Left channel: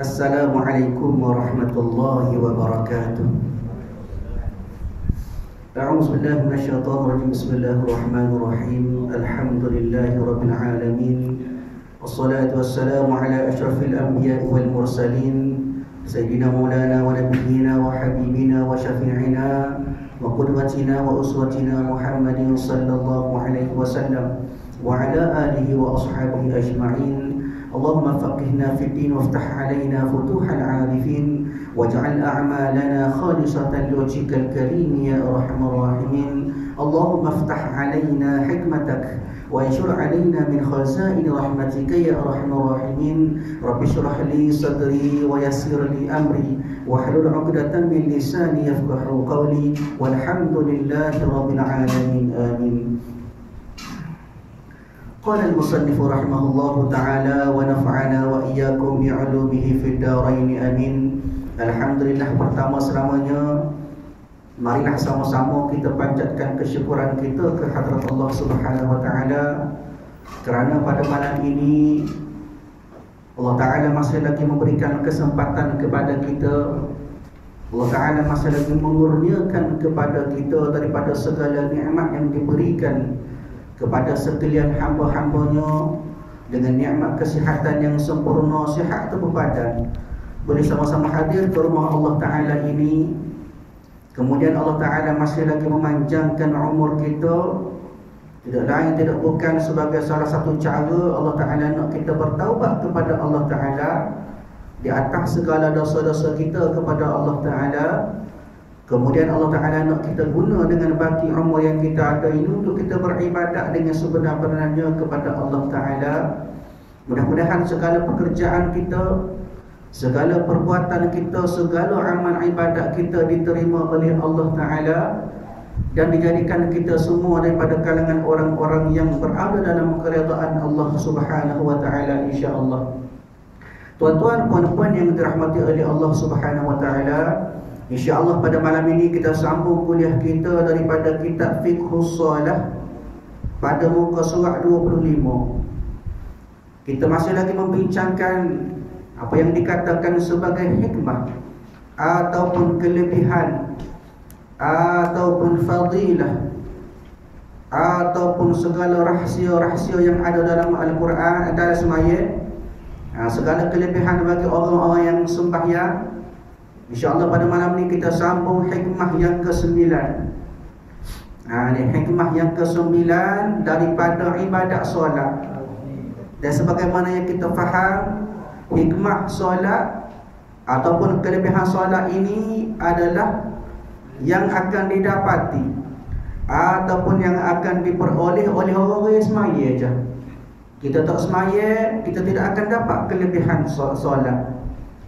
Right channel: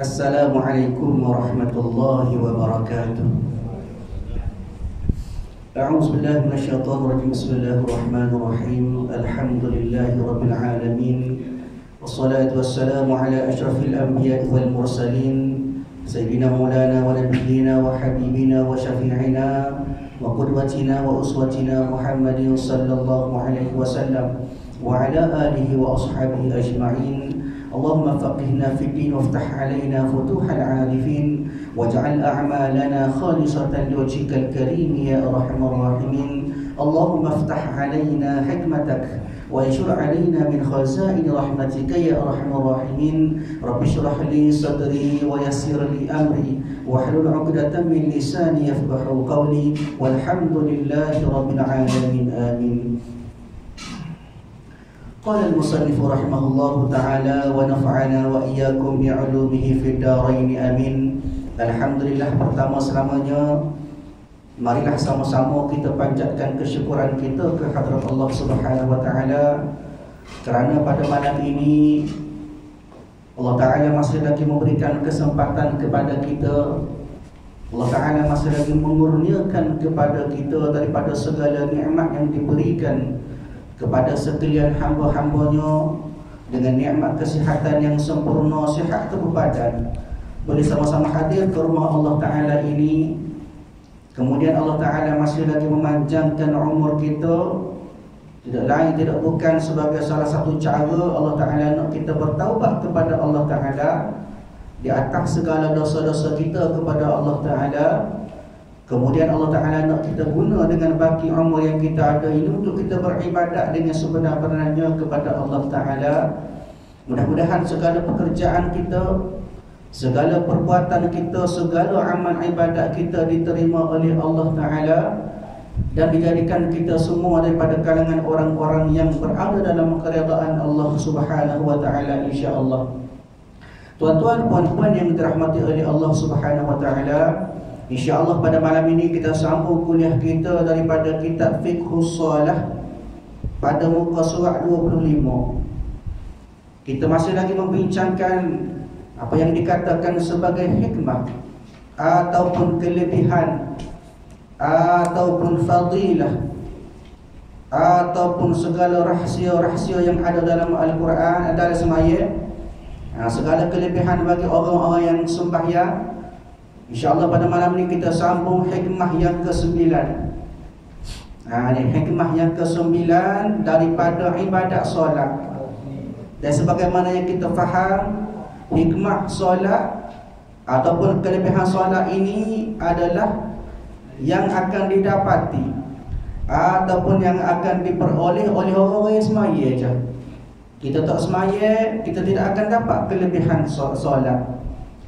Assalamualaikum warahmatullahi wabarakatuh. A'udzu billahi minasyaitonir rajim. Bismillahirrahmanirrahim. Alhamdulillahi rabbil alamin. Wassalatu wassalamu ala asyrafil anbiya'i wal mursalin sayyidina maulana wa nabiyyina wa habibina wa syafi'ina wa qudwatina wa uswatina Muhammadin sallallahu alaihi wasallam wa ala alihi wa ashabihi ajma'in. Allahumma faqihna fid din waftah alaina futuhal arifin waj'al a'malana khalisatan liwajhikal karim ya arhamar rahimin. Allahumma iftah alaina hikmatak wa anshur alaina min khazain rahmatika ya arhamar rahimin. Rabbi shrah li sadri wa yassir li amri wahlul 'uqdatam min lisani yafqahu qawli walhamdulillahi rabbil alamin. Amin. Qala al-musannif rahimahullahu ta'ala wa nafa'ana wa iyyakum bi'ulumihi fid dharain amin. Alhamdulillah, pertama selamanya marilah sama-sama kita panjatkan kesyukuran kita ke hadrat Allah Subhanahu wa ta'ala kerana pada malam ini Allah Ta'ala masih lagi memberikan kesempatan kepada kita. Allah Ta'ala masih lagi mengurniakan kepada kita daripada segala nikmat yang diberikan kepada sekalian hamba-hambanya dengan nikmat kesihatan yang sempurna, sihat tubuh badan, boleh sama-sama hadir ke rumah Allah Ta'ala ini. Kemudian Allah Ta'ala masih lagi memanjangkan umur kita. Tidak lain tidak bukan sebagai salah satu cara Allah Ta'ala nak kita bertaubat kepada Allah Ta'ala di atas segala dosa-dosa kita kepada Allah Ta'ala. Kemudian Allah Ta'ala nak kita guna dengan baki umur yang kita ada ini untuk kita beribadat dengan sebenar-benarnya kepada Allah Ta'ala. Mudah-mudahan segala pekerjaan kita, segala perbuatan kita, segala amal ibadat kita diterima oleh Allah Ta'ala dan dijadikan kita semua daripada kalangan orang-orang yang berada dalam keredaan Allah Subhanahu wa Ta'ala, insya-Allah. Tuan-tuan, puan-puan yang dirahmati oleh Allah Subhanahu wa Ta'ala, InsyaAllah pada malam ini kita sambung kuliah kita daripada kitab Fiqhus Shalah pada muka surat 25. Kita masih lagi membincangkan apa yang dikatakan sebagai hikmah ataupun kelebihan ataupun fadilah ataupun segala rahsia-rahsia yang ada dalam Al-Quran, dalam semaya, segala kelebihan bagi orang-orang yang sembahyang. InsyaAllah pada malam ni kita sambung hikmah yang ke-9. Ini hikmah yang ke-9 daripada ibadat solat. Dan sebagaimana yang kita faham, hikmah solat ataupun kelebihan solat ini adalah yang akan didapati ataupun yang akan diperoleh oleh orang-orang yang semaya je. Kita tak semaya, kita tidak akan dapat kelebihan solat.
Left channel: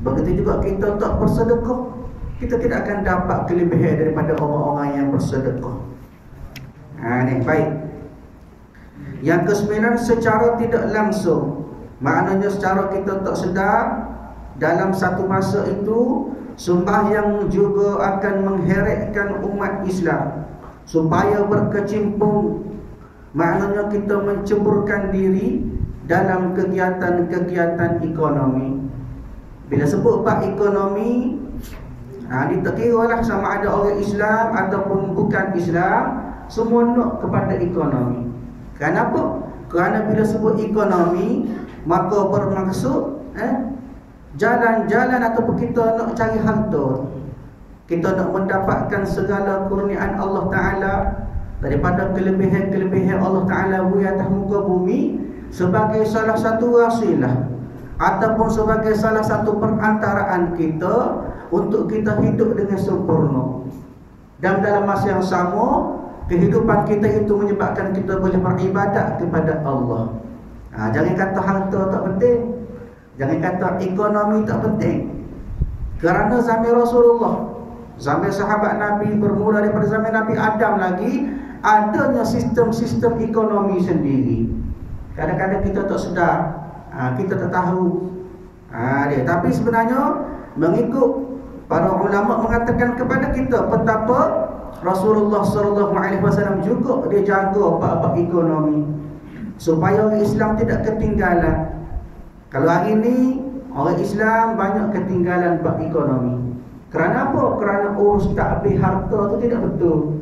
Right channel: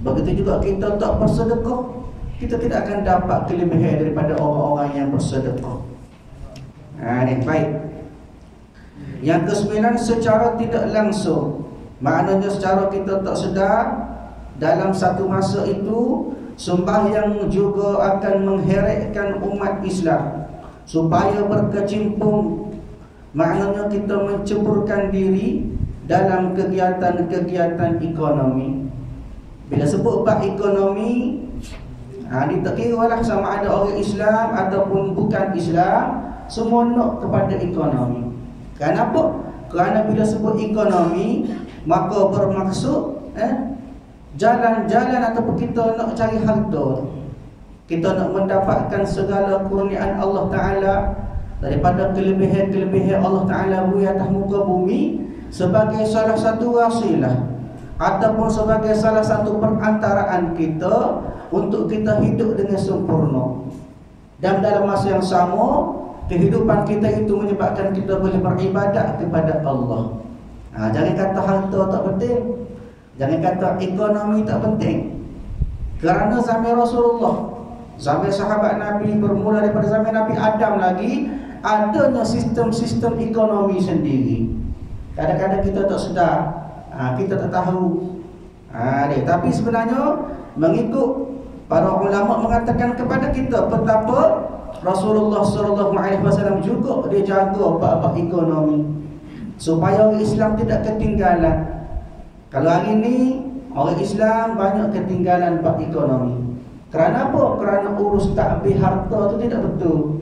Begitu juga kita tak bersedekah, kita tidak akan dapat kelebihan daripada orang-orang yang bersedekah. Ini baik. Yang ke-9, secara tidak langsung, maknanya secara kita tak sedar, dalam satu masa itu sembahyang juga akan mengheretkan umat Islam supaya berkecimpung. Maknanya kita menceburkan diri dalam kegiatan-kegiatan ekonomi. Bila sebut bab ekonomi, ditekiralah sama ada orang Islam ataupun bukan Islam, semua nak kepada ekonomi. Kenapa? Kerana bila sebut ekonomi, maka bermaksud jalan-jalan ataupun kita nak cari harta. Kita nak mendapatkan segala kurniaan Allah Ta'ala daripada kelebihan-kelebihan Allah Ta'ala di atas muka bumi sebagai salah satu wasilah ataupun sebagai salah satu perantaraan kita untuk kita hidup dengan sempurna. Dan dalam masa yang sama, kehidupan kita itu menyebabkan kita boleh beribadat kepada Allah. Jangan kata harta tak penting, jangan kata ekonomi tak penting. Kerana zaman Rasulullah, zaman sahabat Nabi, bermula daripada zaman Nabi Adam lagi, adanya sistem-sistem ekonomi sendiri. Kadang-kadang kita tak sedar, kita tak tahu. Tapi sebenarnya mengikut para ulama mengatakan kepada kita betapa Rasulullah SAW juga dia jaga bab ekonomi supaya orang Islam tidak ketinggalan. Kalau hari ini orang Islam banyak ketinggalan bab ekonomi. Kerana apa? Kerana urus takbir harta tu tidak betul.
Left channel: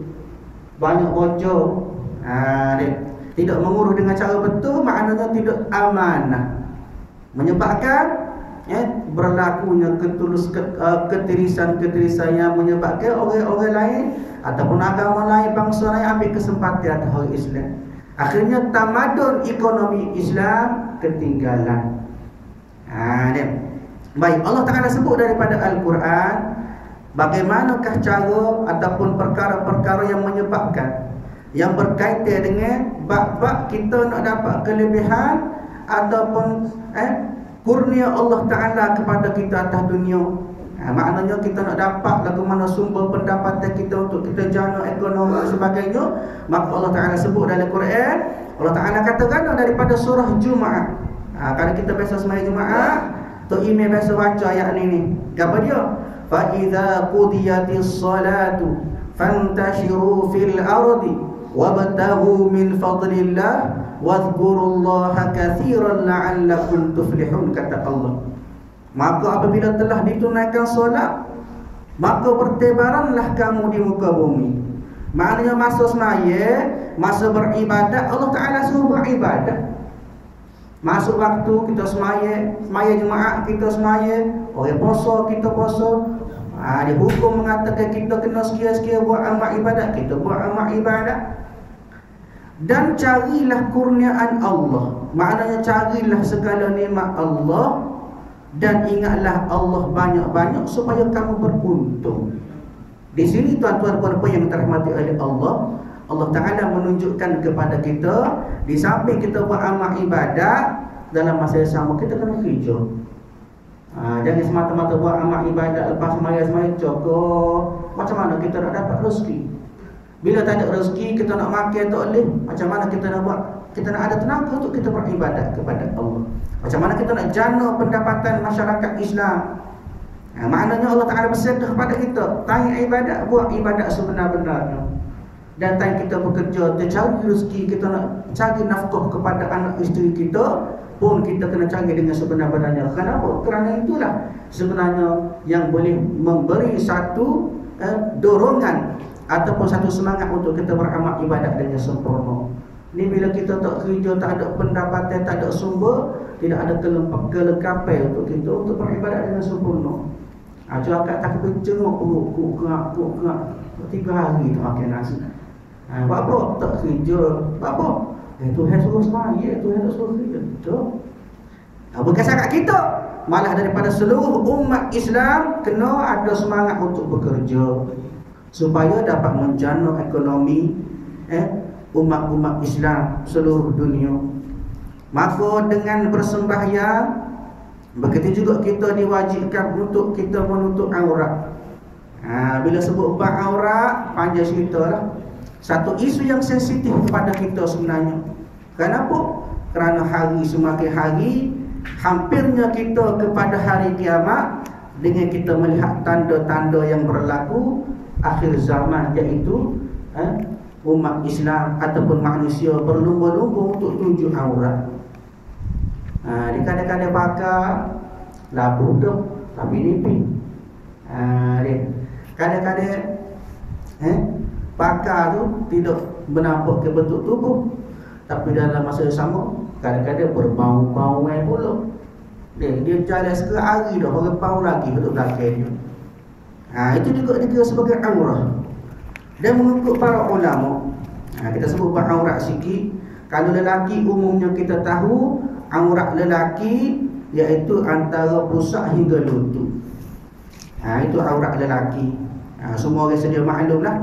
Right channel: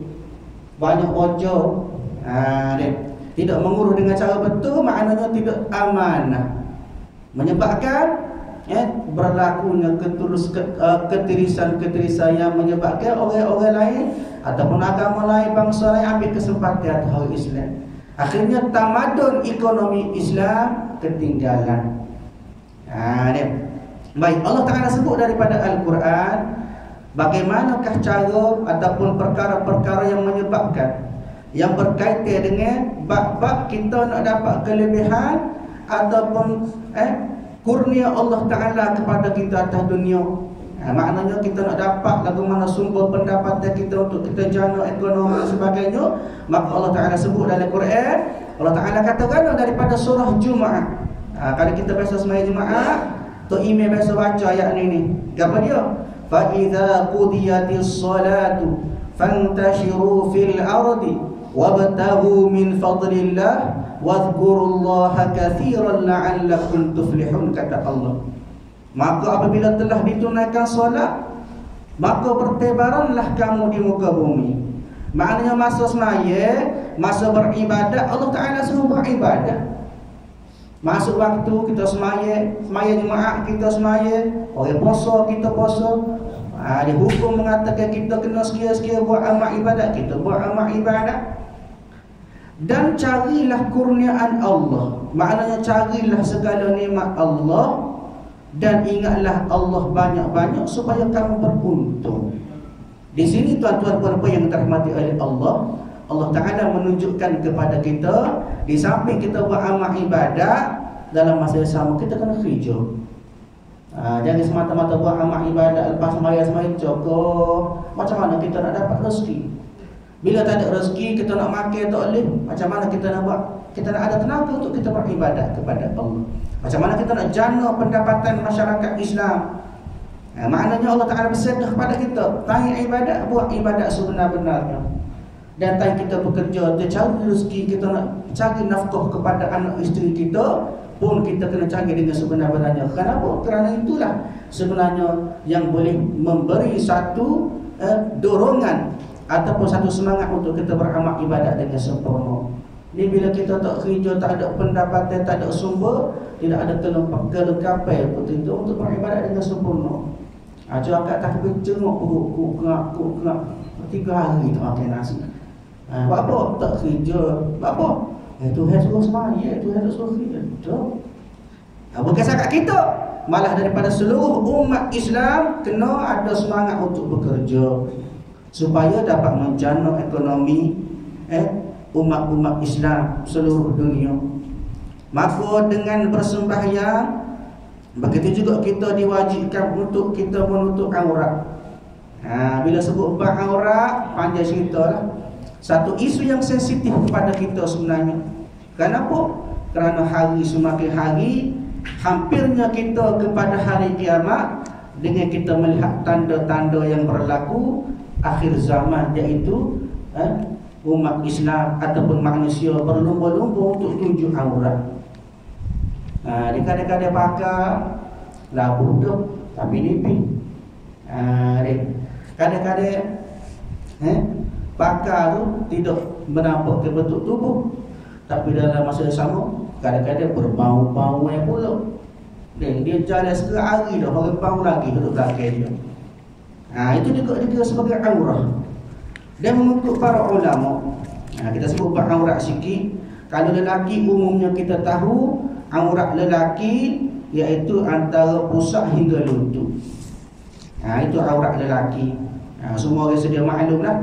Banyak rojo. Tidak mengurus dengan cara betul, maknanya tidak amanah. Menyebabkan berlakunya ketirisan yang menyebabkan orang-orang lain ataupun agama lain, bangsa lain ambil kesempatan atas orang Islam. Akhirnya tamadun ekonomi Islam ketinggalan. Baik, Allah Ta'ala sebut daripada Al-Quran bagaimanakah cara ataupun perkara-perkara yang menyebabkan, yang berkaitan dengan bab-bab kita nak dapat kelebihan ataupun kurnia Allah Ta'ala kepada kita atas dunia. Maknanya kita nak dapat lagu mana sumber pendapatan kita untuk kita jana ekonomi dan sebagainya, maka Allah Ta'ala sebut dalam Quran. Allah Ta'ala katakan daripada surah Jumaat. Kalau kita biasa sembahyang Jumaat, Tok Imam biasa baca ayat ni. Apa dia? Fa idza qudiyatis salatu fantashiru fil ardi wabtaghu min fadlillah wadhkurullaha katsiran la'allakum tuflihun, kata Allah. Maka apabila telah ditunaikan solat, maka bertebaranlah kamu di muka bumi. Maknanya masa semaya, masa beribadat, Allah Ta'ala suruh beribadat. Masuk waktu kita semaya Jumaat kita semaya, orang puasa kita puasa. Dihukum mengatakan kita kena sekian-sekian buat amal ibadat, kita buat amal ibadat. Dan carilah kurniaan Allah, maknanya carilah segala nikmat Allah, dan ingatlah Allah banyak-banyak supaya kamu beruntung. Di sini tuan-tuan puan-puan yang dirahmati oleh Allah, Allah Ta'ala menunjukkan kepada kita, di samping kita buat amal ibadat, dalam masa yang sama kita kena kerja. Jangan semata-mata buat amal ibadat lepas sembahyang cukup. Macam mana kita nak dapat rezeki? Bila tak ada rezeki, kita nak makan tak boleh. Macam mana kita nak buat? Kita nak ada tenaga untuk kita beribadat kepada Allah. Macam mana kita nak jana pendapatan masyarakat Islam? Maknanya Allah Ta'ala bersedia kepada kita, tanya ibadat, buat ibadat sebenar-benarnya. Dan tanya kita bekerja, kita cari rezeki, kita nak cari nafkah kepada anak isteri kita, pun kita kena cari dengan sebenar-benarnya. Kenapa? Kerana itulah sebenarnya yang boleh memberi satu dorongan ataupun satu semangat untuk kita beramal ibadat dengan sempurna. Ni bila kita tak kerja, tak ada pendapatan, tak ada sumber, tidak ada kelengkapan untuk kita untuk beribadat dengan sempurna. Angkat takbir cengok kerak 3 hari tu makan nasi. Buat apa? Tak kerja. Buat apa? Tuhan suruh semaya, Tuhan tak suruh kerja. Bukan sangat kita, malah daripada seluruh umat Islam kena ada semangat untuk bekerja supaya dapat menjana ekonomi umat-umat Islam seluruh dunia. Maka dengan bersembahyang, begitu juga kita diwajibkan untuk kita menutup aurat. Bila sebut bab aurat, panjang cerita lah. Satu isu yang sensitif kepada kita sebenarnya. Kenapa? Kerana hari semakin hari, hampirnya kita kepada hari kiamat, dengan kita melihat tanda-tanda yang berlaku akhir zaman, iaitu umat Islam ataupun manusia berlumba-lumba untuk tunjuk aurat. Dia kadang-kadang bakar labuh dah tapi nipis. Kadang-kadang bakar tu tidak menampak ke bentuk tubuh, tapi dalam masa yang sama kadang-kadang berbau-bau pula. Dia jalan sekali hari dah baru bau lagi duduk belakang dia. Itu juga dikira sebagai aurah. Dan mengikut para ulama, kita sebut bab aurat sikit. Kalau lelaki umumnya kita tahu aurat lelaki iaitu antara pusat hingga lutut. Itu aurat lelaki. Semua orang sedia maklum lah.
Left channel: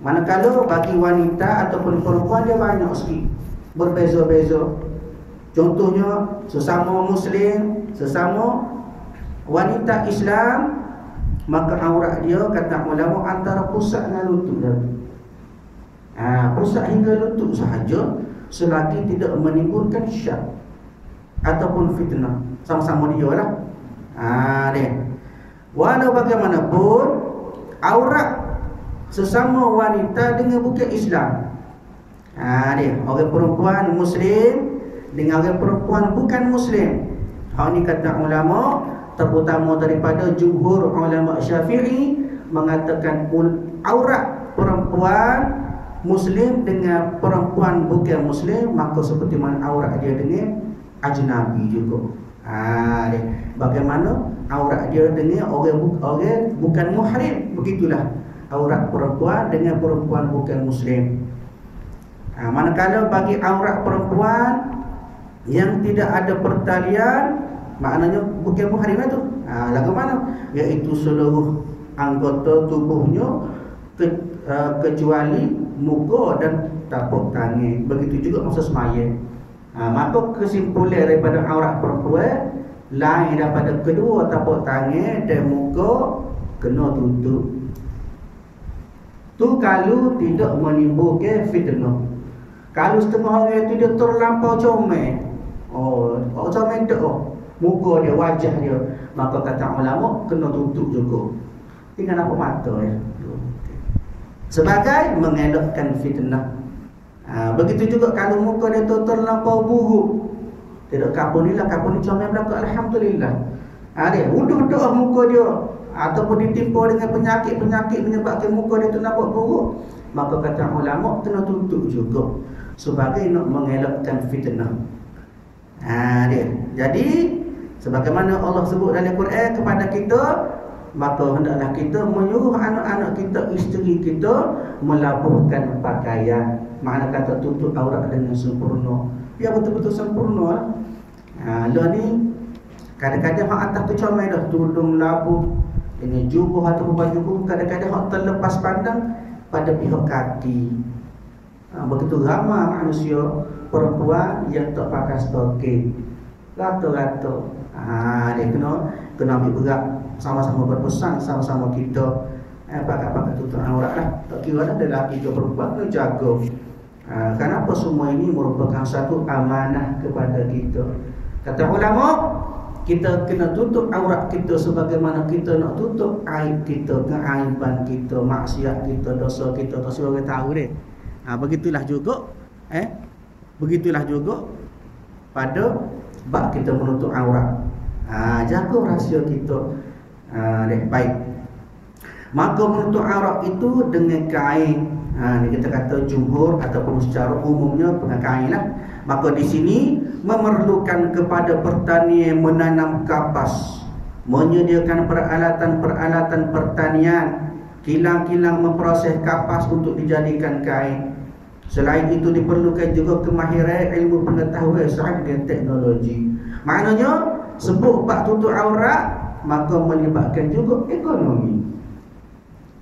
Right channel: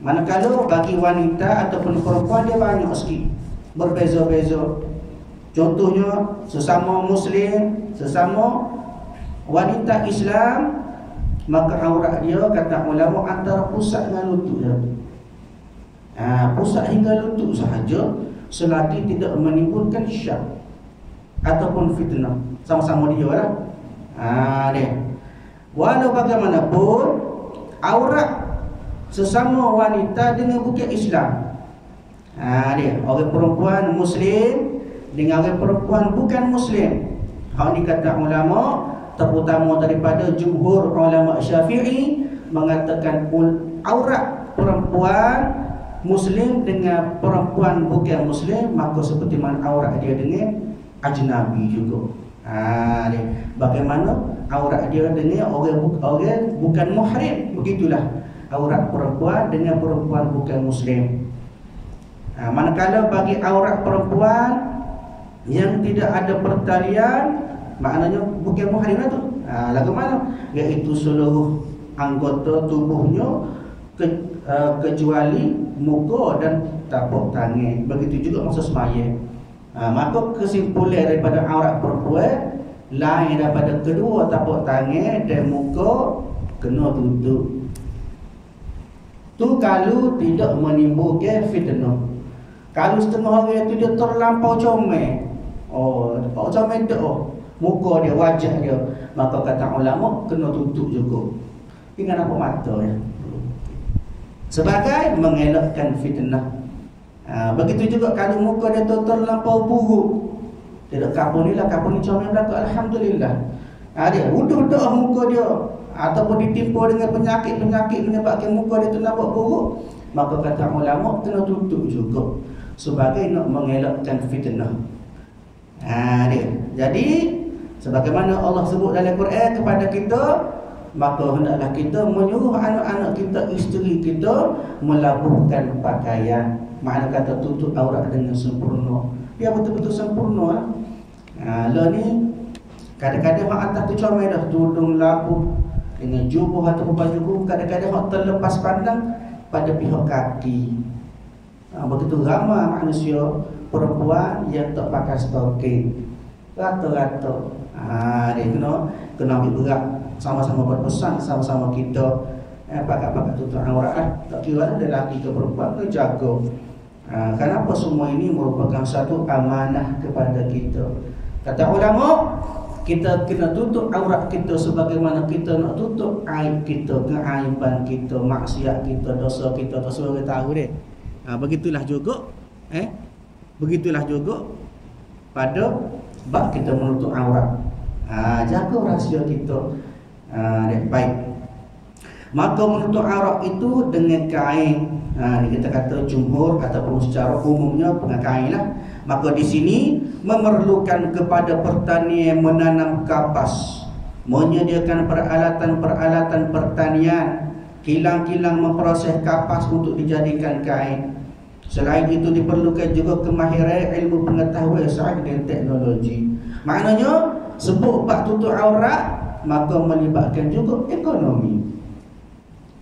Manakala bagi wanita ataupun perempuan dia banyak sikit, berbeza-beza. Contohnya sesama Muslim, sesama wanita Islam, maka aurat dia kata ulama antara pusat dengan lutut dia. Pusat hingga lutut sahaja, selagi tidak menimbulkan syak ataupun fitnah, sama-sama dia lah. Walau bagaimanapun, aurat sesama wanita dengan bukan Islam. Dia orang perempuan Muslim dengan orang perempuan bukan Muslim. Hal ni kata ulama, terutama daripada jumhur ulama Syafi'i, mengatakan aurat perempuan Muslim dengan perempuan bukan Muslim, maka seperti mana aurat dia dengan ajnabi juga. Dia bagaimana aurat dia dengan orang bukan muhrim, begitulah aurat perempuan dengan perempuan bukan Muslim. Manakala bagi aurat perempuan yang tidak ada pertalian, maknanya bukan muhrim itu. Lagu mana? Iaitu seluruh anggota tubuhnya kecuali muka dan tapak tangan. Begitu juga masa sembahyang. Maka kesimpulan daripada aurat perempuan lain daripada kedua tapak tangan dan muka kena tutup. Tu kalau tidak menimbulkan fitnah. Kalau setengah orang itu dia terlampau comel, comel dah muka dia, wajah dia, maka kata ulama kena tutup juga. Tinggal nampak mata ya. Sebagai mengelakkan fitnah. Begitu juga kalau muka dia tu terlampau buruk, tidak kapun ni lah, kapun ni comel belaka, alhamdulillah. Dia udah muka dia ataupun ditimpa dengan penyakit-penyakit menyebabkan muka dia tu nampak buruk, maka kata ulama kena tutup juga sebagai nak mengelakkan fitnah. Dia. Jadi sebagaimana Allah sebut dalam Quran kepada kita, maka hendaklah kita menyuruh anak-anak kita, isteri kita melabuhkan pakaian. Makna kata tutup aurat dengan sempurna. Biar betul-betul sempurna. Lah ni kadang-kadang hak atas tu comel dah, tudung labuh dengan jubah atau baju, kadang-kadang hak terlepas pandang pada pihak kaki. Begitu ramai manusia perempuan yang tak pakai stocking, rata-rata. Dia kena ambil berat, sama-sama berpesan, sama-sama kita pakai tutup aurat lah. Tak kira lah lelaki ke perempuan, kena jaga. Kenapa semua ini merupakan satu amanah kepada kita. Kata ulama, kita kena tutup aurat kita sebagaimana kita nak tutup aib kita, keaiban kita, maksiat kita, dosa kita. Tak semua orang tahu deh. Begitulah juga begitulah juga pada bab kita menutup aurat. Jaga rahsia kita. Baik. Maka menutup aurat itu dengan kain. Ni kita kata jumhur ataupun secara umumnya dengan kain lah. Maka di sini memerlukan kepada pertanian menanam kapas, menyediakan peralatan-peralatan pertanian, kilang-kilang memproses kapas untuk dijadikan kain. Selain itu diperlukan juga kemahiran ilmu pengetahuan sains dan teknologi. Maknanya sebut bab tutup aurat maka melibatkan juga ekonomi.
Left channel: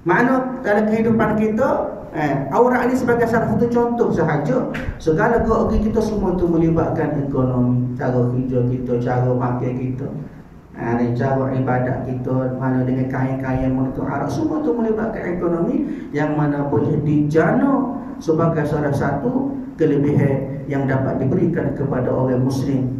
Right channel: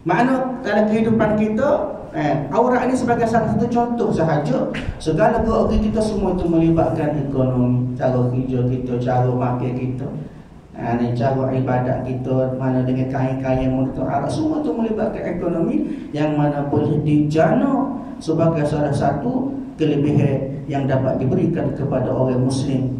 Makna dalam kehidupan kita aurat ini sebagai salah satu contoh sahaja. Segala gerak kita semua itu melibatkan ekonomi. Cara kerja kita, cara makan kita, cara ibadat kita, mana dengan kain-kain yang menutup aurat, semua itu melibatkan ekonomi yang mana boleh dijana sebagai salah satu kelebihan yang dapat diberikan kepada orang Muslim.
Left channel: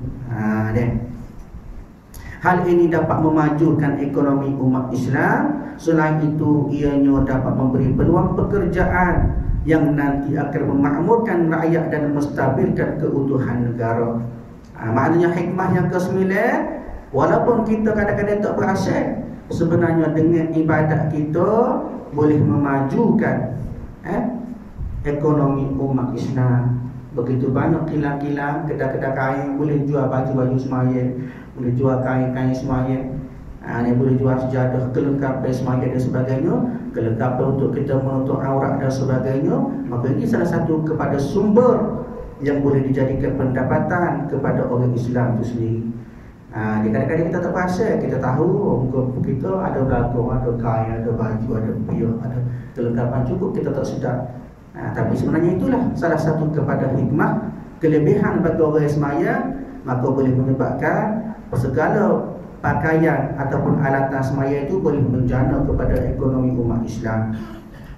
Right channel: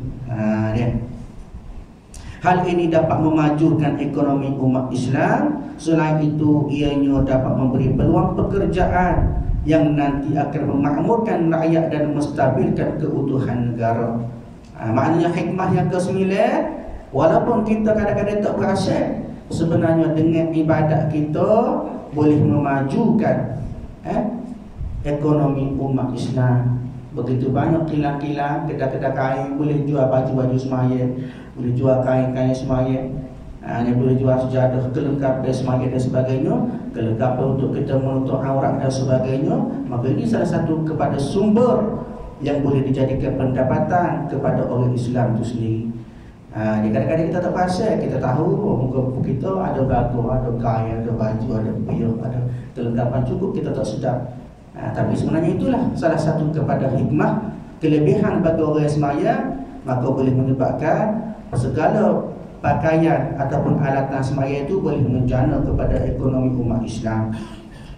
Hal ini dapat memajukan ekonomi umat Islam. Selain itu, ianya dapat memberi peluang pekerjaan yang nanti akan memakmurkan rakyat dan menstabilkan keutuhan negara. Maknanya hikmah yang ke-9, walaupun kita kadang-kadang tak perasan, sebenarnya dengan ibadat kita boleh memajukan ekonomi umat Islam. Begitu banyak kilang-kilang, kedai-kedai kain boleh jual baju-baju sembahyang, boleh jual kain-kain sembahyang, dia boleh jual sejadah, kelengkapan sembahyang dan sebagainya, kelengkapan untuk kita menutup aurat dan sebagainya. Maka ini salah satu kepada sumber yang boleh dijadikan pendapatan kepada orang Islam itu sendiri. Kadang-kadang kita tak perasan, kita tahu muka kita ada belagu, ada kain, ada baju, ada biuk, ada kelengkapan cukup, kita tak sedar. Tapi sebenarnya itulah salah satu kepada hikmah kelebihan bagi orang sembahyang, maka boleh menyebabkan segala pakaian ataupun alatan sembahyang itu boleh menjana kepada ekonomi umat Islam.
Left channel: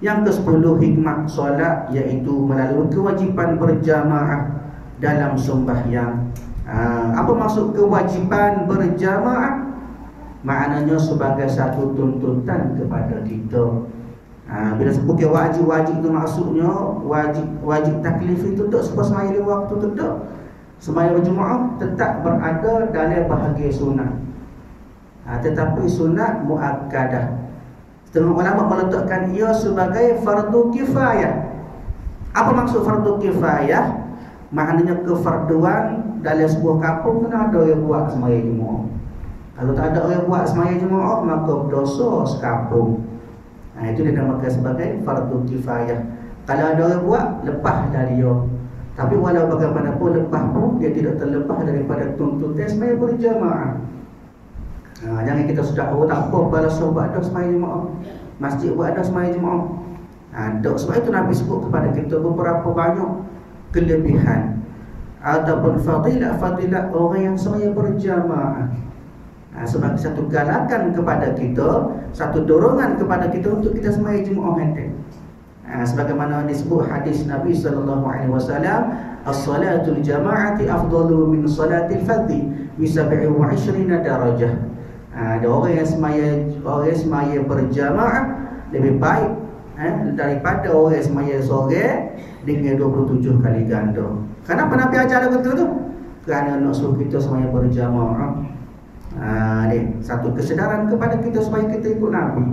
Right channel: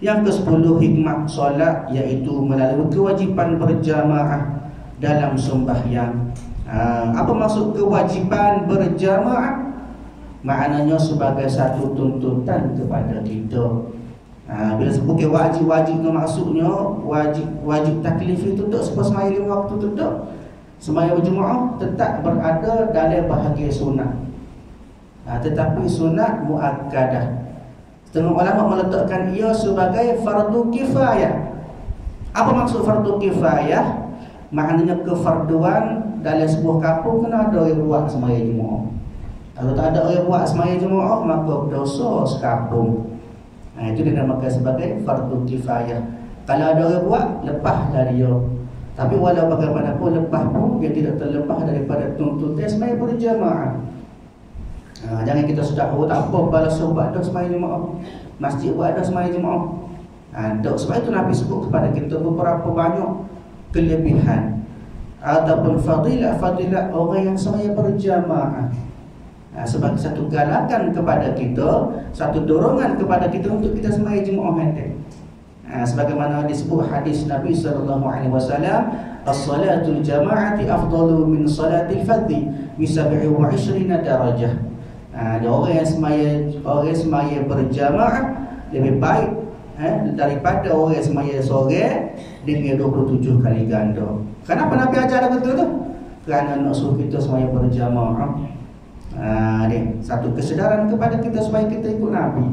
Yang ke-10 hikmah solat, iaitu melalui kewajipan berjamaah dalam sembahyang. Apa maksud kewajipan berjamaah? Maknanya sebagai satu tuntutan kepada kita. Bila sebut ke wajib-wajib tu maksudnya wajib taklif itu tak sebab semaya 5 waktu tu tak. Semaya Jumaat tetap berada dalam bahagian sunat. Tetapi sunat muakkadah. Setengah ulama meletakkan ia sebagai fardu kifayah. Apa maksud fardu kifayah? Maknanya kefarduan dalam sebuah kampung kena ada yang buat semaya Jumaat. Kalau tak ada orang buat semaya Jumaat, maka dosa sekampung. Itu dinamakan sebagai fardu kifayah. Kalau ada orang buat, lepas dari dia. Tapi walau bagaimanapun lepas pun dia tidak terlepas daripada tuntutan semaya berjamaah. Jangan kita sudah tak apa balas buat dah semaya Jumaat, masjid buat dah semaya Jumaat. Sebab itu Nabi sebut kepada kita beberapa banyak kelebihan ataupun fadilah orang yang semaya berjamaah. Sebagai satu galakan kepada kita, satu dorongan kepada kita untuk kita semaya Jumaat nanti. Sebagaimana disebut hadis Nabi sallallahu alaihi wasallam, as-salatul jama'ati afdalu min salatil fardhi bi 27 darajah. Ada orang yang semaya berjamaah lebih baik daripada orang yang semaya seorang dengan 27 kali ganda. Kenapa Nabi ajar betul tu? Kerana nak suruh kita semaya berjamaah. Ni satu kesedaran kepada kita supaya kita ikut Nabi.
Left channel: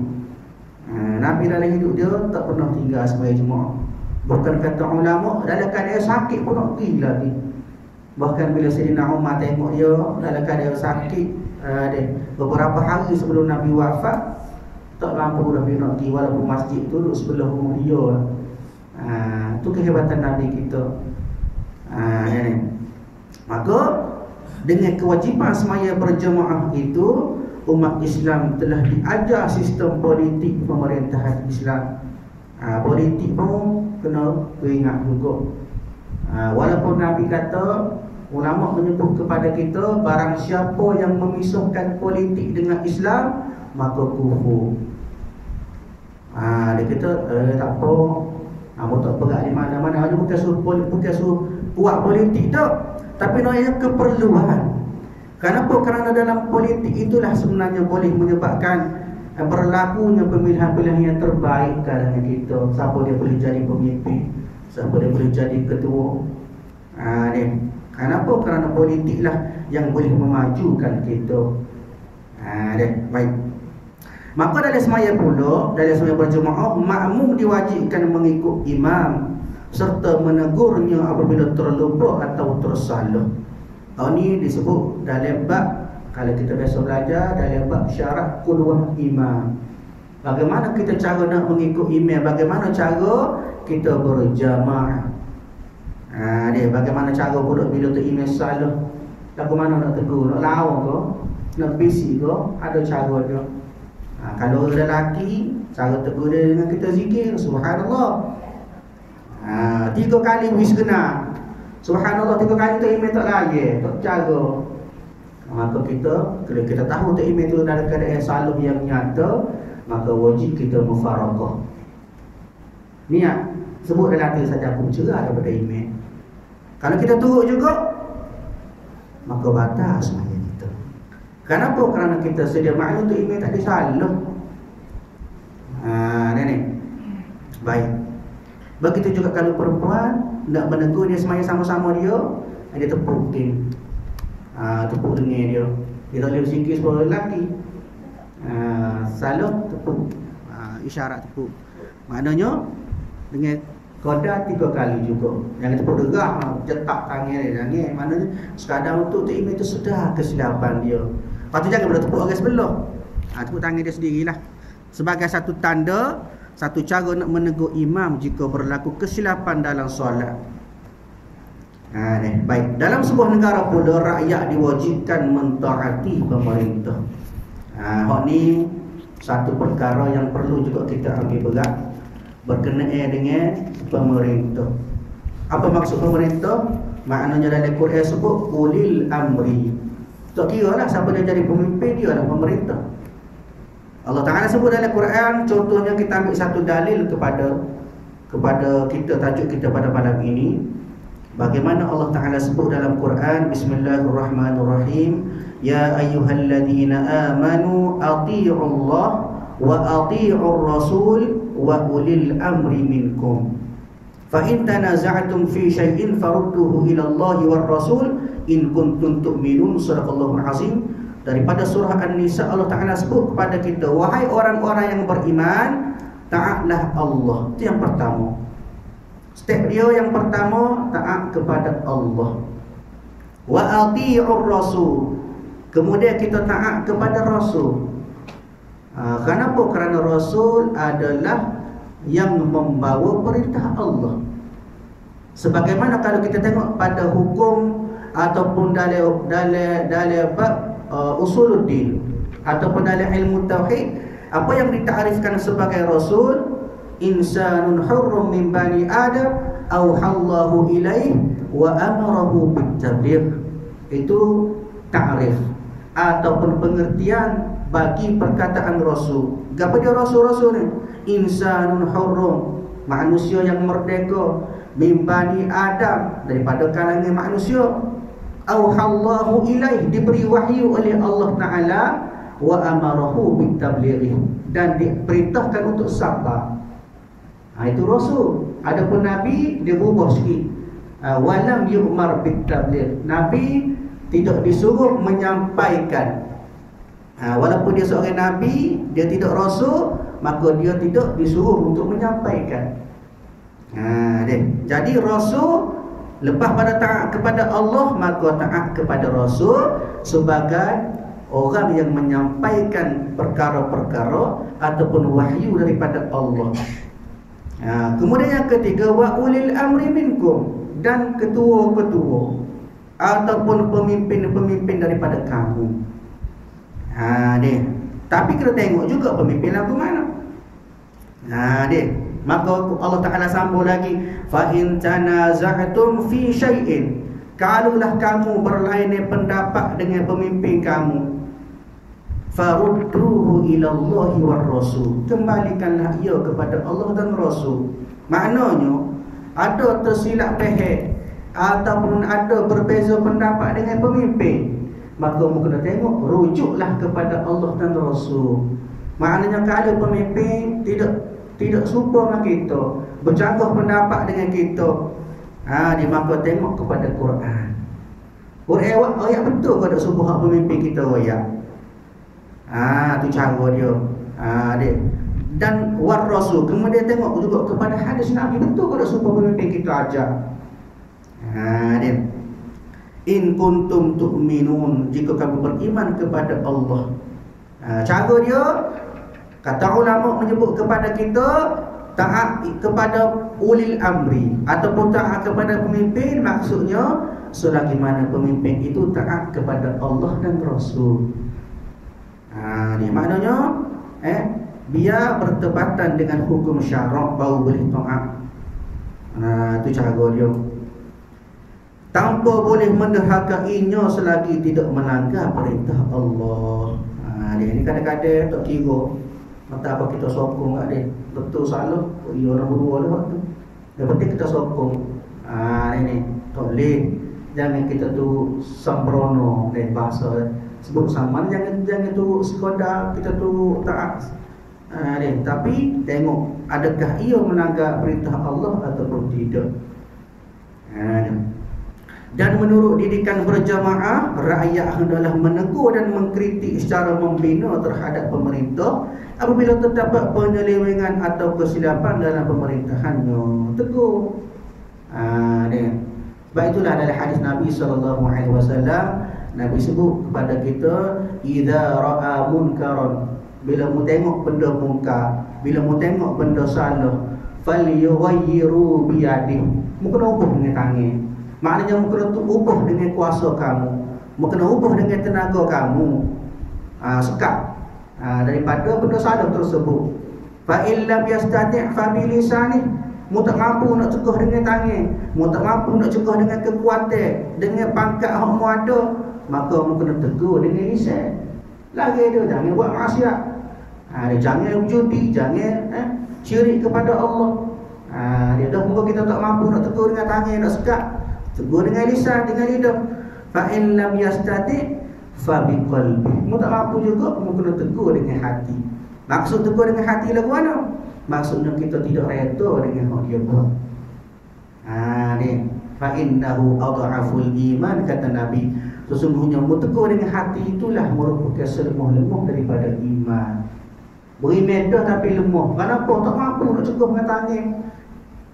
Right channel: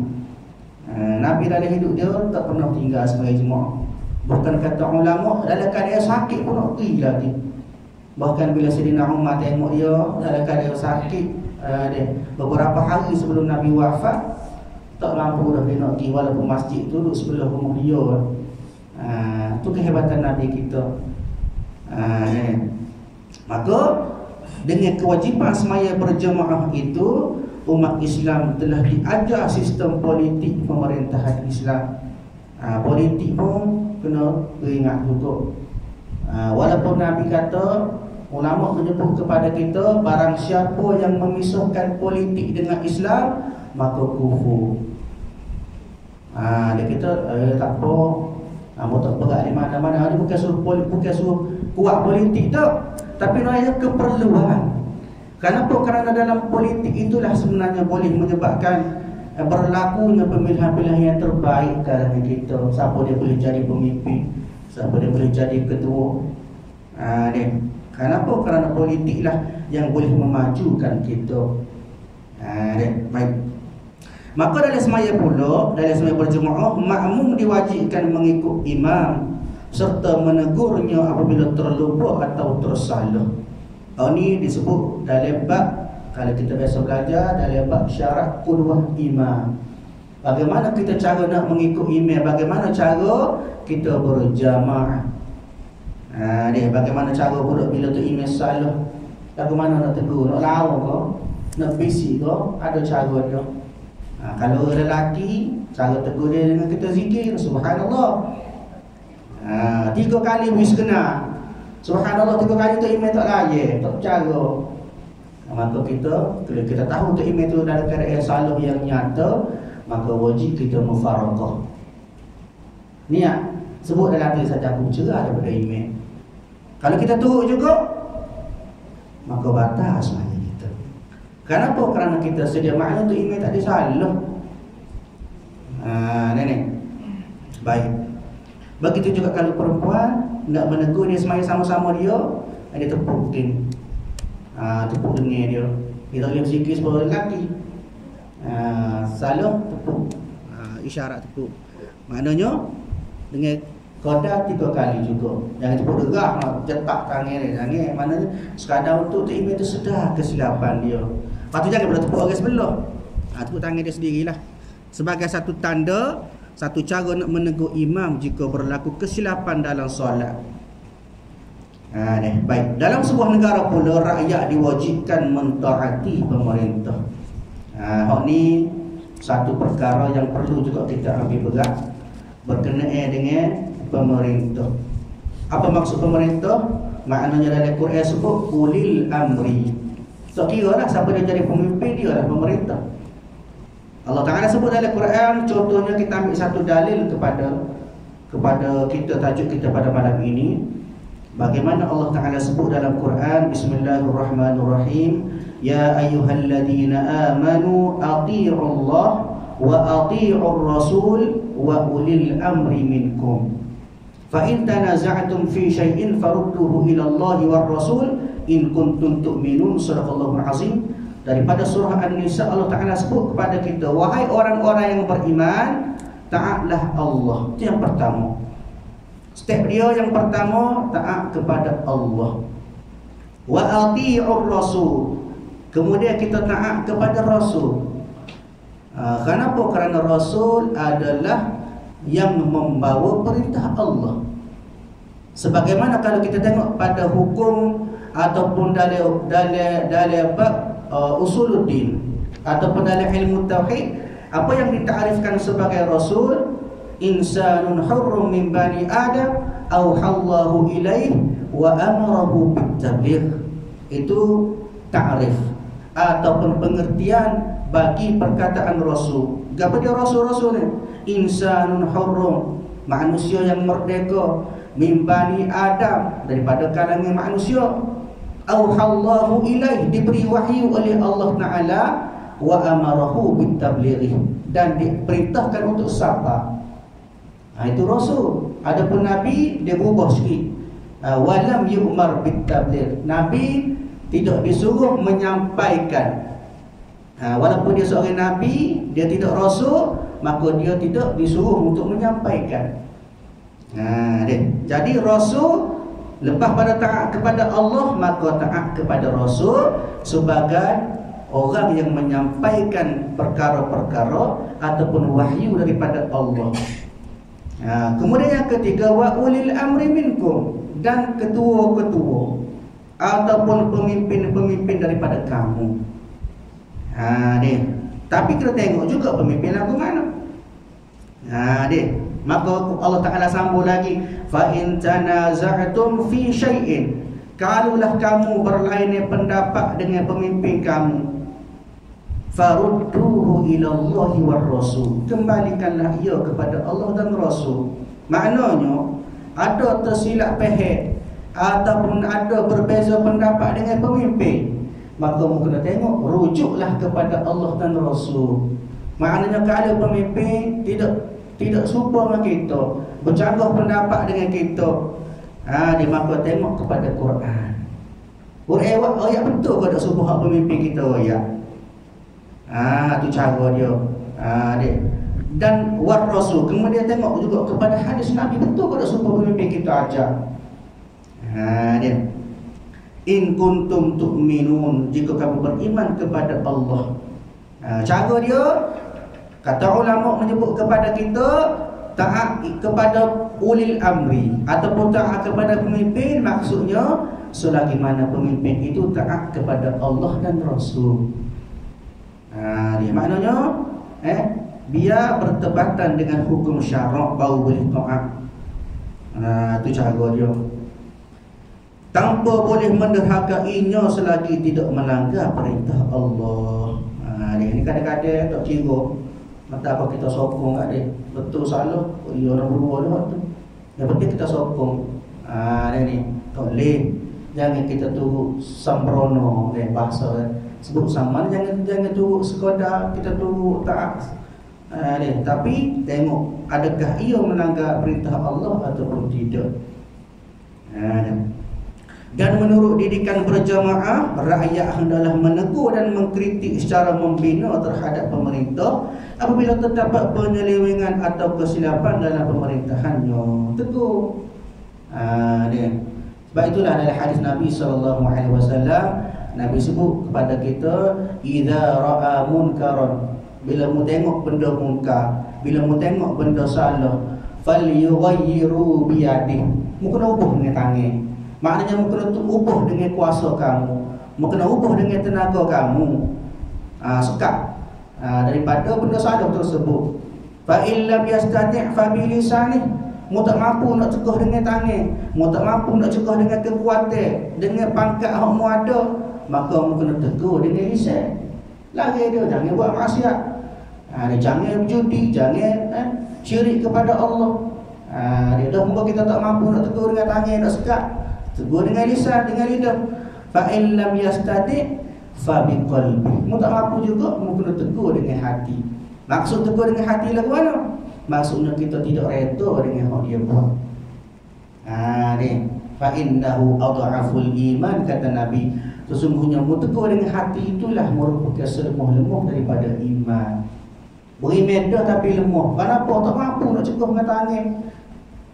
Nabi dalam hidup dia tak pernah tinggal semaya Jumaat. Bukan kata ulama dalam keadaan sakit pun nak pergi lagi. Bahkan bila Sayyidina Umar tengok dia dalam keadaan sakit, beberapa hari sebelum Nabi wafat, tak mampu dah dia nak pergi walaupun masjid tu duduk sebelah rumah dia. Itu kehebatan Nabi kita. Maka dengan kewajipan semaya berjamaah itu, umat Islam telah diajar sistem politik pemerintahan Islam. Politik pun kena ingat juga. Walaupun Nabi kata, ulama menyebut kepada kita, barang siapa yang memisahkan politik dengan Islam, maka kufur. Dia kata tak apa, tak berat di mana-mana. Bukan suruh kuat politik tak, tapi nak keperluan. Kenapa? Kerana dalam politik itulah sebenarnya boleh menyebabkan berlakunya pemilihan-pemilihan yang terbaik dalam kita. Siapa dia boleh jadi pemimpin, siapa dia boleh jadi ketua. Kenapa? Kerana politiklah yang boleh memajukan kita. Baik. Maka dalam semaya pula, dalam semaya berjemaah, makmum diwajibkan mengikut imam serta menegurnya apabila terlupa atau tersalah. Ini disebut dalam bab, kalau kita biasa belajar dalam bab syarat qudwah imam. Bagaimana kita cara nak mengikut imam, bagaimana cara kita berjamaah. Bagaimana cara pula bila tu imam salah, lagu mana nak tegur, nak lawa ke, nak bisik ke, ada cara dia. Kalau orang lelaki, cara tegur dia dengan kita zikir subhanallah. 3 kali wis kena subhanallah, 3 kali tu imam tak layak, tak cara. Maka kalau kita tahu tu imam tu dalam keadaan salah yang nyata, maka wajib kita mufarakah. Niat sebut dalam hati saja, aku cerah daripada imam. Kalau kita turut juga, maka batal sebenarnya kita. Kenapa? Kerana kita sedia maklum tu imam tak ada salah. Baik. Begitu juga kalau perempuan nak menegur dia semaya sama-sama dia tepuk mungkin. Tepuk dengar dia. Dia tak boleh berzikir sebagai lelaki. Salah tepuk. Isyarat tepuk. Maknanya dengan qada 3 kali juga. Jangan tepuk derah, jetak tangan dia. Jangan. Maknanya sekadar untuk tu imam itu sudah kesilapan dia. Lepas tu jangan pula tepuk orang sebelah. Tepuk tangan dia sendirilah. Sebagai satu tanda, satu cara nak menegur imam jika berlaku kesilapan dalam solat. Baik. Dalam sebuah negara pula, rakyat diwajibkan mentaati pemerintah. Hak ni satu perkara yang perlu juga kita ambil berat berkenaan dengan pemerintah. Apa maksud pemerintah? Maknanya dalam Quran sebut ulil amri. Tak kira lah siapa dia jadi pemimpin, dia adalah pemerintah. Allah Ta'ala sebut dalam Quran, contohnya kita ambil satu dalil kepada kita, tajuk kita pada malam ini. Bagaimana Allah Ta'ala sebut dalam Quran, Bismillahirrahmanirrahim, Ya ayyuhalladzina amanu ati'ullah wa ati'ur rasul wa ulil amri minkum. Fa in tanaza'tum fi syai'in farudduhu ila Allah war Rasul in kuntum tu'minun. Sadaqallahul azim. Daripada surah An-Nisa, Allah Ta'ala sebut kepada kita, wahai orang-orang yang beriman, taatlah Allah. Itu yang pertama. Step dia yang pertama, taat kepada Allah. Wa ati'ur Rasul. Kemudian kita taat kepada Rasul. Kenapa? Kerana Rasul adalah yang membawa perintah Allah. Sebagaimana kalau kita tengok pada hukum ataupun dalam bab usuluddin ataupun dalam ilmu tauhid, apa yang ditarifkan sebagai Rasul, insanun hurrum min bani Adam auhallahu ilaih wa amarahu bitabligh. Itu ta'rif ataupun pengertian bagi perkataan Rasul. Apa dia Rasul-Rasul ni? Insanun hurrum, manusia yang merdeka, min bani Adam, daripada kalangan manusia. Auhallahu ilaih, diberi wahyu oleh Allah Ta'ala, wa amarahu bitabligh, dan diperintahkan untuk sabar. Itu Rasul. Adapun Nabi, dia berubah sikit. Walam yu'mar bitabligh, Nabi tidak disuruh menyampaikan. Walaupun dia seorang Nabi, dia tidak Rasul, maka dia tidak disuruh untuk menyampaikan. Jadi Rasul, lepas pada taat kepada Allah, maka taat kepada Rasul sebagai orang yang menyampaikan perkara-perkara ataupun wahyu daripada Allah. Kemudian yang ketiga, wa ulil amri minkum, dan ketua-ketua ataupun pemimpin-pemimpin daripada kamu. Tapi kita tengok juga pemimpin lagu mana. Maka Allah Ta'ala sambung lagi, fa in tanaza'tum fi syai'in, kalaulah kamu berlainan pendapat dengan pemimpin kamu, farudduhu ila Allah war Rasul, kembalikanlah ia kepada Allah dan Rasul. Maknanya ada tersilap faham ataupun ada berbeza pendapat dengan pemimpin, maka kena tengok, rujuklah kepada Allah dan Rasul. Maknanya kalau pemimpin tidak serupa dengan kita, bercanggah pendapat dengan kita, maka tengok kepada Quran. Ayat betul ke tak serupa pemimpin kita ayat? Tu cara dia. Dan war Rasul, kemudian tengok juga kepada hadis Nabi, betul ke tak serupa pemimpin kita ajar? In kuntum tu'minun, jika kamu beriman kepada Allah. Cara dia, kata ulama menyebut kepada kita, taat kepada ulil amri ataupun taat kepada pemimpin, maksudnya selagi mana pemimpin itu taat kepada Allah dan Rasul. Dia maknanya biar bertepatan dengan hukum syarak baru boleh taat. Itu cara dia. Tanpa boleh menderhakainya selagi tidak melanggar perintah Allah. Ini kadang-kadang tak kira mata apa kita sokong kat dia, betul salah, dia orang berdua lewat tu. Yang penting kita sokong. Ni tak boleh. Jangan kita tu sembrono dengan bahasa sebut sama. Jangan tu sekadar kita tu taat. Tapi tengok adakah ia melanggar perintah Allah ataupun tidak. Dan menurut didikan berjamaah, rakyat hendaklah menegur dan mengkritik secara membina terhadap pemerintah apabila terdapat penyelewengan atau kesilapan dalam pemerintahannya. Tegur. Sebab itulah dalam hadis Nabi SAW, Nabi sebut kepada kita, idza ra'a munkaran, bila mu tengok benda munkar, bila mu tengok benda salah, falyughayyiru biyadihi, mu kena ubah dengan tangan. Maknanya mu kena ubah dengan kuasa kamu, mu kena ubah dengan tenaga kamu. Sekat daripada benda salah tersebut. Fa illam yastati' fa bi lisanihi, mu tak mampu nak cegah dengan tangan, mu tak mampu nak cegah dengan kekuatan, dengan pangkat hak mu ada, maka mu kena tegur dengan lisan. Lagi dia jangan buat maksiat. Jangan judi, jangan syirik kepada Allah. Dia dah mungkin kita tak mampu nak tegur dengan tangan, nak sekat, tegur dengan lisan, dengan lidah. Fa in lam yastati' fa biqalbi, mu tak mampu juga, mu kena tegur dengan hati. Maksud tegur dengan hati lagu mana? maksudnya kita tidak redha dengan hak dia buat. Ni fa innahu adhaful iman, kata Nabi, sesungguhnya tegur dengan hati itulah merupakan selemah-lemah daripada iman. Beri medah tapi lemah. Kenapa? Tak mampu nak cegah dengan tangan,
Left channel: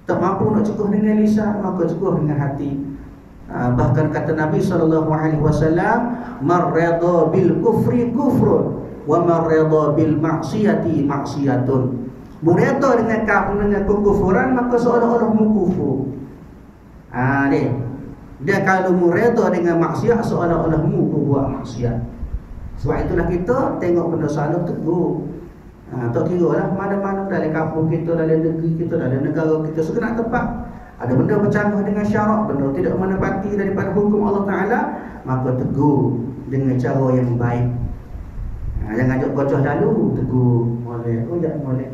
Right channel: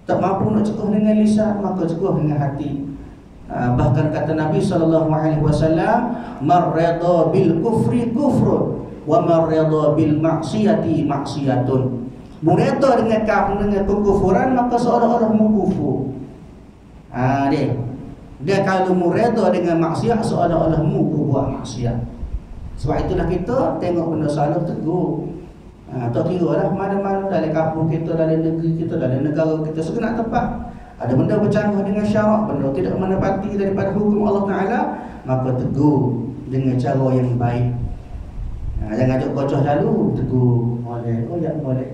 tak mampu nak cegah dengan lisan, maka cegah dengan hati. Bahkan kata Nabi SAW, man rada bil kufri kufrun wa man rada bil maksiyati maksiyatun. Mereda dengan kekufuran, maka seolah-olah mengkufur. Dia kalau mereda dengan maksiat, seolah-olah buat maksiat. Sebab itulah kita tengok benda salah tegur. Tak kira lah mana-mana dalam kampung kita, dalam negeri kita, dalam negara kita, segenap tempat ada benda bercanggah dengan syarak, benda tidak menepati daripada hukum Allah Ta'ala, maka tegur dengan cara yang baik. Jangan ajak kocoh dulu, tegur molek, jangan molek.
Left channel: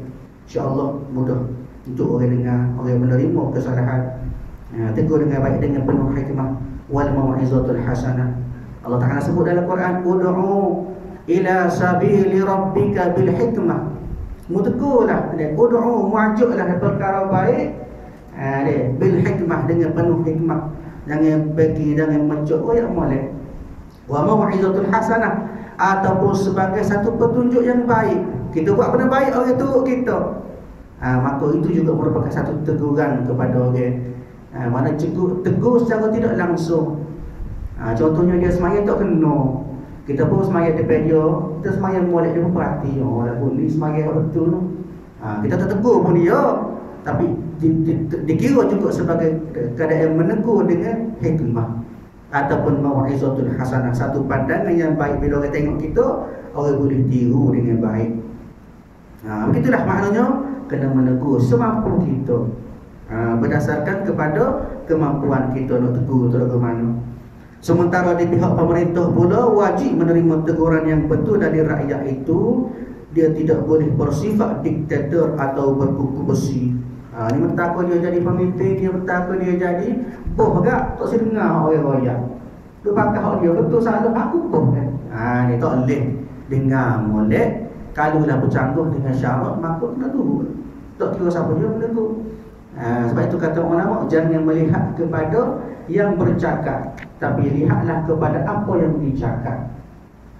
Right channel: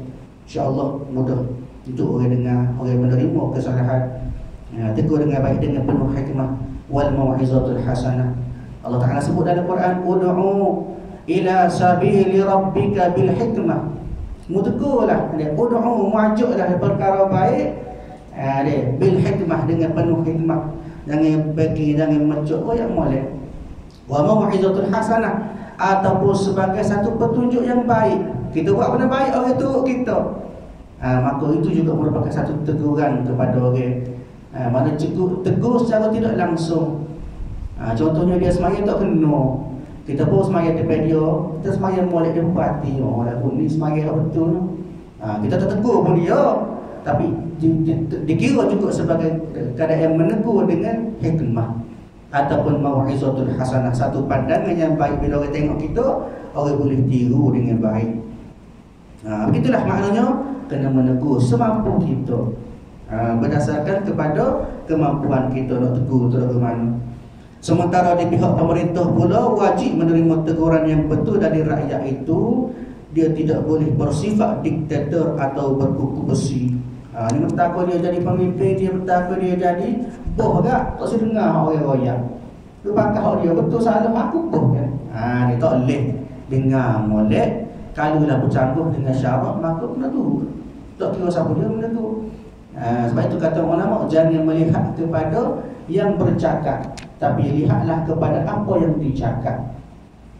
InsyaAllah mudah untuk orang dengar, orang menerima kesalahan. Tegur dengan baik, dengan penuh hikmah. Wal mau'izatul hasanah. Allah Ta'ala sebut dalam Quran, ud'u ila sabili rabbika bil hikmah. Mutegurlah, ud'u, muajuklah perkara baik, bil hikmah, dengan penuh hikmah. Jangan bagi, jangan mencuk yang molek. Wa mau'izatul hasanah, ataupun sebagai satu petunjuk yang baik. Kita buat benda baik, orang turut kita, maka itu juga merupakan satu teguran kepada orang. Mana tegur secara tidak langsung. Contohnya dia semaya tak kena, kita pun semaya depan dia, kita semaya molek dia berhati, orang ni semaya betul, kita tak tegur pun dia, tapi dikira juga sebagai keadaan menegur dengan hikmah ataupun mau'izatul hasanah, satu pandangan yang baik. Bila orang tengok kita, orang boleh tiru dengan baik. Begitulah maknanya, kena menegur semampu kita, berdasarkan kepada kemampuan kita nak tegur tu lagu mana. Sementara di pihak pemerintah pula wajib menerima teguran yang betul dari rakyat itu. Dia tidak boleh bersifat diktator atau berkuku besi. Ni bertakwa dia jadi pemimpin, dia bertakwa dia jadi boh tak si dengar orang royak. Dia pakah dia betul salah aku boh kan. Dia tak boleh dengar molek. Kalau dah bercanggah dengan syarat, maka kena tu. Tak kira siapa dia menegur. Sebab itu kata ulama, jangan melihat kepada yang bercakap, tapi lihatlah kepada apa yang dicakap.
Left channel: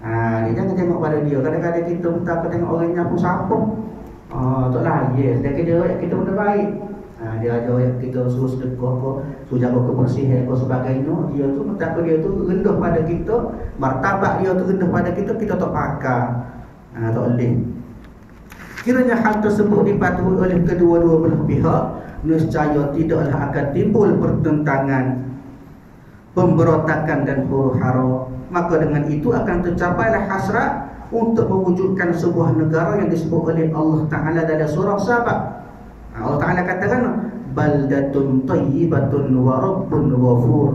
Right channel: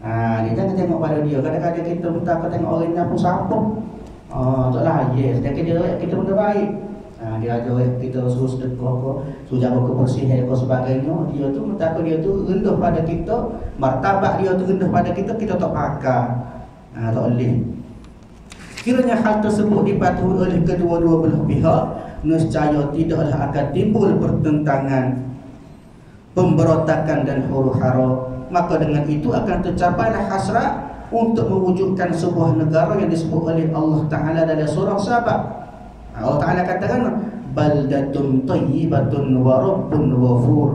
Dia jangan tengok pada dia. Kadang-kadang kita bertakwa tengok orang nyapu sampung, taklah yes, dan kita benda baik. Dia ajar kita suruh sedekah ke, suruh jaga kebersihan ke sebagainya. Dia tu bertakwa, dia tu rendah pada kita, martabat dia tu rendah pada kita, kita tak pakar. Tak boleh. Kiranya hal tersebut dipatuhi oleh kedua-dua belah pihak, nescaya tidaklah akan timbul pertentangan, pemberontakan dan huru-hara. Maka dengan itu akan tercapailah hasrat untuk mewujudkan sebuah negara yang disebut oleh Allah Ta'ala dalam surah Sabah. Allah Ta'ala katakan, baldatun tayyibatun wa rabbun ghafur,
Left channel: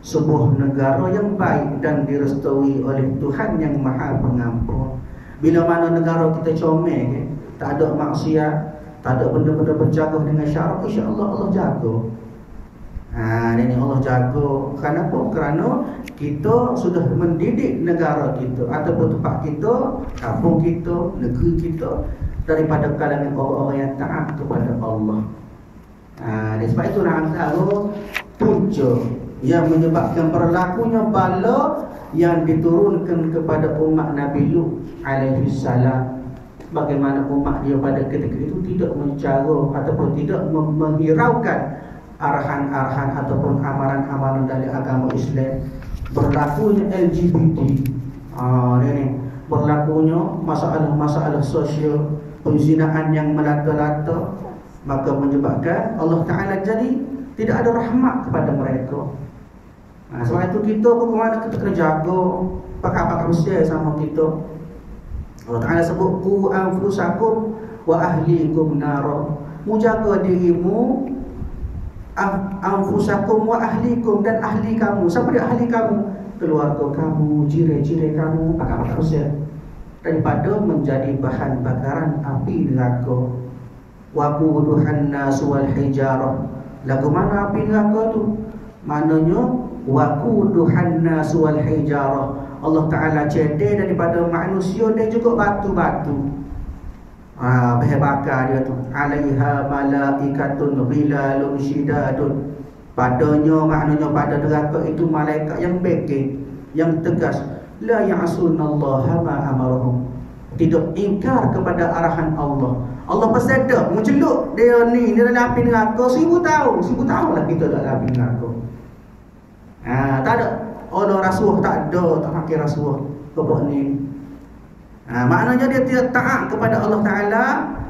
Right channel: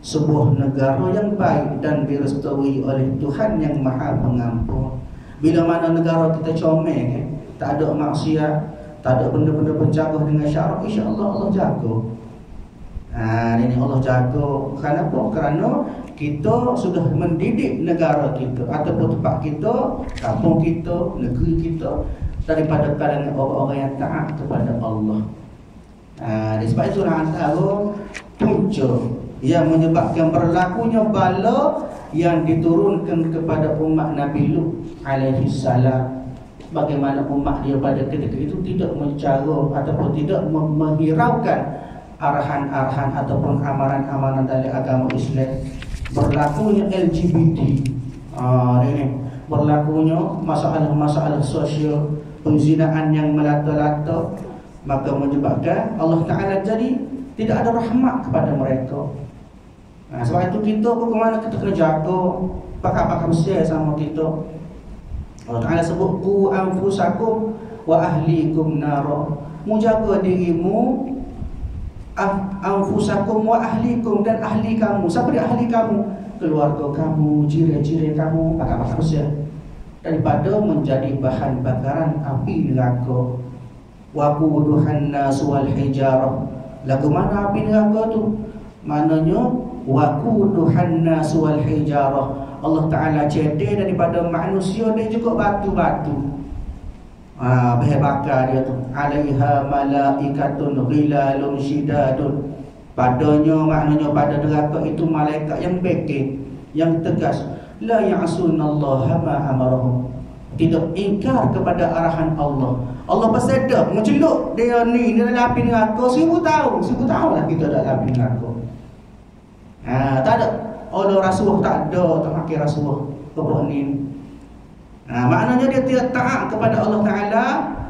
sebuah negara yang baik dan direstui oleh Tuhan yang Maha Pengampun. Bila mana negara kita comel, tak ada maksiat, tak ada benda-benda bercanggah dengan syarak, insya-Allah Allah jaga. Ini Allah jaga. Kenapa? Kerana kita sudah mendidik negara kita ataupun tempat kita, kampung kita, negeri kita daripada kalangan orang-orang yang taat kepada Allah. Sebab itulah antara punca yang menyebabkan berlakunya bala yang diturunkan kepada umat Nabi Lut alaihi salam. Bagaimana umat dia pada ketika itu tidak mencara ataupun tidak menghiraukan arahan-arahan ataupun amaran-amaran dari agama Islam. Berlakunya LGBT, ini berlakunya masalah-masalah sosial, penzinaan yang melata-lata, maka menyebabkan Allah Ta'ala jadi tidak ada rahmat kepada mereka. Sebab itu kita bagaimana kita kena jaga pakar-pakar besar sama kita. Allah Ta'ala sebut qu anfusakum wa ahlikum nara, menjaga dirimu, anfusakum wa ahlikum, dan ahli kamu. Siapa dia ahli kamu? Keluarga kamu, jiran-jiran kamu, pakar-pakar besar, daripada menjadi bahan bakaran api neraka. Waquduhan nas wal hijarah. Lagu mana api neraka tu? Maknanya waquduhan nas wal hijarah. Allah Ta'ala cedek daripada manusia dan juga batu-batu. bahan bakar dia tu, alaiha malaikatun ghilalun syidadun, padanya maknanya pada neraka itu malaikat yang beken, yang tegas, la ya'sunallaha ma amarahum, tidak ingkar kepada arahan Allah. Allah pasti ada menceluk dia ni dalam api neraka 1000 tahun lah kita dalam api neraka. Tak ada Allah rasuah, tak ada, tak pakai rasuah kepada ni. Maknanya dia tidak taat kepada Allah Ta'ala.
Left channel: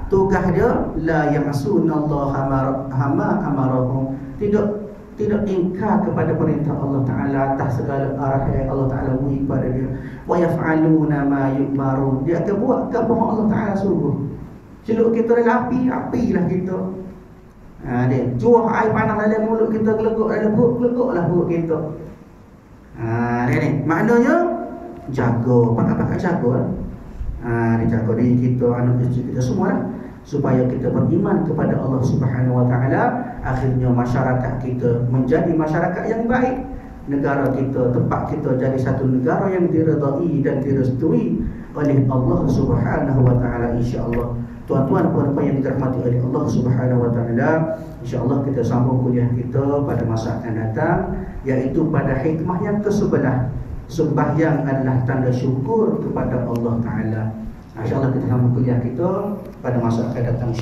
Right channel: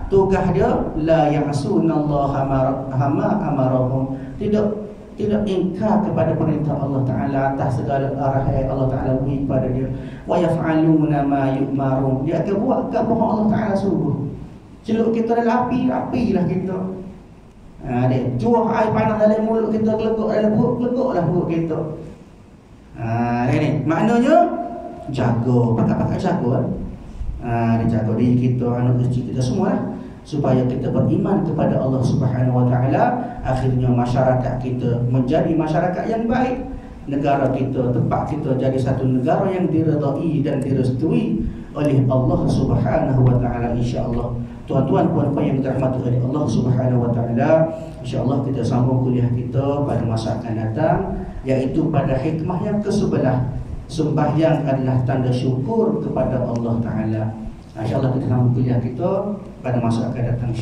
Tugas dia la ya'sunallaha ma amarahum, tidak ingkar kepada perintah Allah Ta'ala atas segala arahan Allah Ta'ala beri kepada dia. Wa yaf'aluna ma yu'marun, dia akan buat apa yang Allah Ta'ala suruh. Celup kita dalam api lah kita. Dia cuah air panas dalam mulut kita, gelegok dalam perut, gelegoklah perut kita. Ni maknanya jaga, pakai jaga. Dijaga diri kita, anak isteri kita semua lah, supaya kita beriman kepada Allah Subhanahu Wa Taala. Akhirnya masyarakat kita menjadi masyarakat yang baik, negara kita, tempat kita jadi satu negara yang diredai dan direstui oleh Allah Subhanahu Wa Taala, insya-Allah. Tuan-tuan puan-puan yang dirahmati oleh Allah Subhanahu Wa Taala, insya-Allah kita sambung kuliah kita pada masa akan datang, iaitu pada hikmah yang ke-11. Sembahyang adalah tanda syukur kepada Allah Ta'ala. InsyaAllah kita sambung kuliah kita pada masa akan datang.